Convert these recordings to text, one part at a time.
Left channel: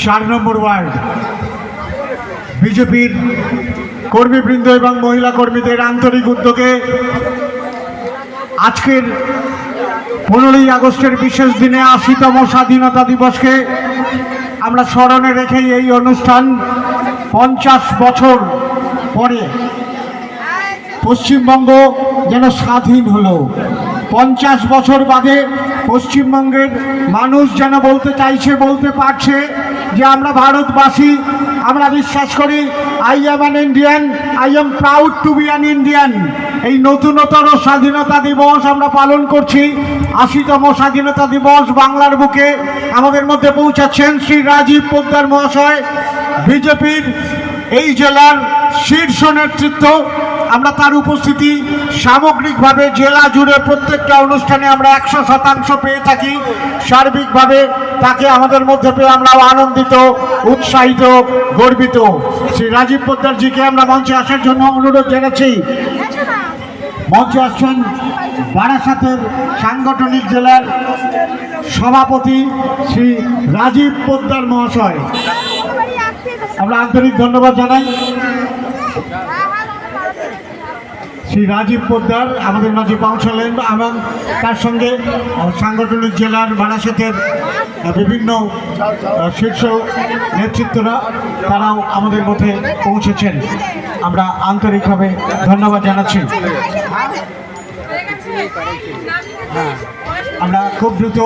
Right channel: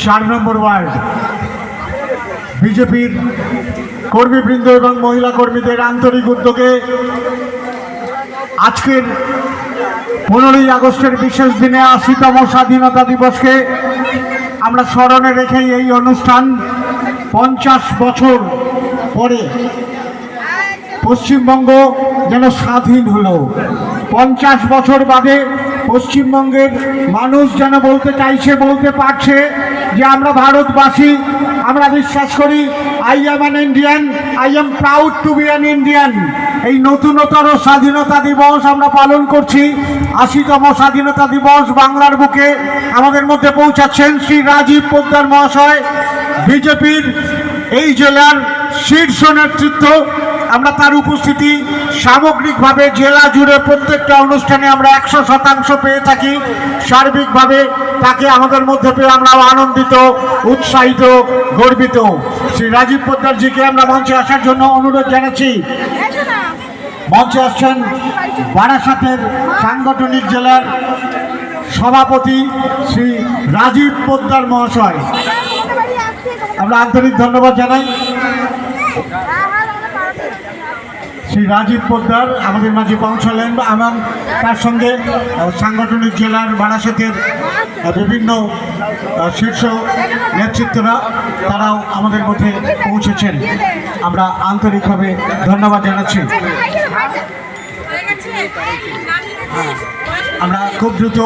4 নম্বর word বিজেপির কর্মীবৃন্দ এবং মহিলা কর্মীদের আন্তরিক উদ্যোগে আজকের 15ই আগস্টের বিশেষ দিনে 80তম স্বাধীনতা দিবসকে আমরা স্মরণে রেখেই এই অনুষ্ঠান 50 বছর পরে পশ্চিমবঙ্গ যেন স্বাধীন হলো। 50 বছর বাদে পশ্চিমবঙ্গের মানুষ যেন বলতে চাইছে, বলতে পারছে যে আমরা ভারতবাসী, আমরা বিশ্বাস করি I am an Indian, I am proud to be an Indian. এই নতুনতর স্বাধীনতা দিবস আমরা পালন করছি। 80তম স্বাধীনতা দিবস বাংলার বুকে আমাদের মধ্যে পৌঁছাচ্ছেন শ্রী রাজীব পোদ্দার মহাশয়, বিজেপির এই জেলার শীর্ষ নেতৃত্ব। আমরা তার উপস্থিতি সামগ্রিকভাবে জেলা জুড়ে প্রত্যেকটা অনুষ্ঠানে আমরা 100% পেয়ে থাকি। সার্বিকভাবে তাকে আমাদের মধ্যে পেয়ে আমরাও আনন্দিত, উৎসাহিত, গর্বিত। শ্রী রাজীব পোদ্দারজিকে আমরা মঞ্চে আসার জন্য অনুরোধ জানাচ্ছি। মঞ্চে আসছেন বারাসাতের সাংগঠনিক জেলার সভাপতি শ্রী রাজীব পোদ্দার মহাশয়। আমরা আন্তরিক ধন্যবাদ জানাই। শ্রী রাজীব পোদ্দার আমাদের মাঝে পৌঁছলেন এবং তার সঙ্গে সাংগঠনিক জেলার বারাসাতের বিভিন্ন শীর্ষ নেতৃত্বরা তারাও আমাদের মধ্যে পৌঁছেছেন। আমরা আন্তরিকভাবে ধন্যবাদ জানাচ্ছি। আমরা খুব দ্রুত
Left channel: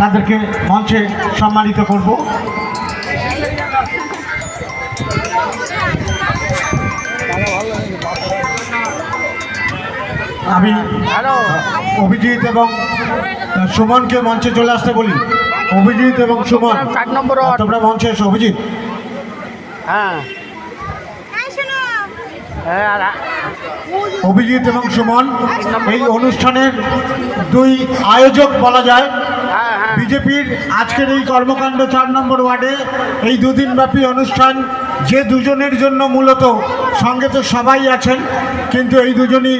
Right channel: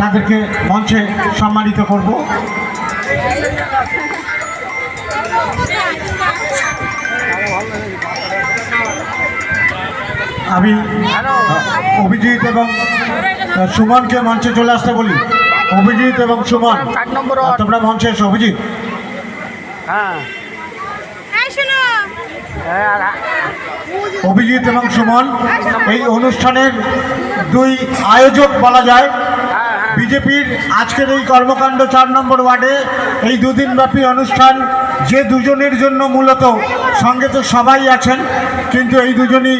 তাদেরকে মঞ্চে সম্মানিত করব। আমি অভিজিৎ এবং সুমনকে মঞ্চে চলে আসতে বলি। অভিজিৎ এবং সুমন, তোমরা মঞ্চে এসো। অভিজিৎ, অভিজিৎ এবং সুমন এই অনুষ্ঠানের দুই আয়োজক বলা যায়। বিজেপির আজকের এই কর্মকাণ্ড 4 নম্বর ওয়ার্ডে এই দুদিনব্যাপী অনুষ্ঠান যে দুজনের জন্য মূলত, সঙ্গে তো সবাই আছেন কিন্তু এই দুজনই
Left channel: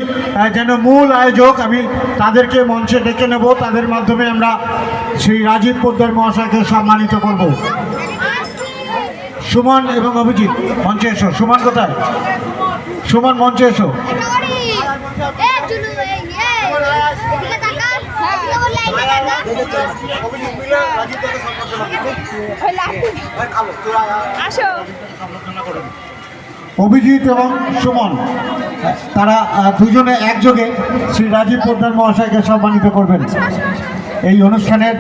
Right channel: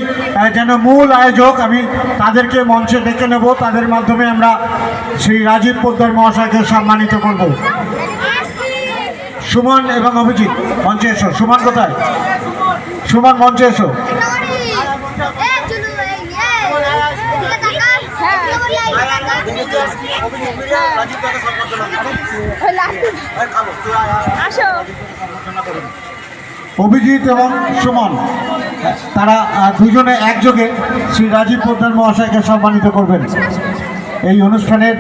যেন মূল আয়োজক। আমি তাদেরকে মঞ্চে ডেকে নেব, তাদের মাধ্যমে আমরা শ্রী রাজীব পোদ্দার মহাশয়কে সম্মানিত করব। সুমন এবং অভিজিৎ মঞ্চে এসো। সুমন কোথায়? সুমন মঞ্চে এসো। অভিজিৎ এবং সুমন তারা দুজনে একযোগে শ্রী রাজীব পোদ্দার মহাশয়কে সম্মানিত করবেন এই অনুষ্ঠানের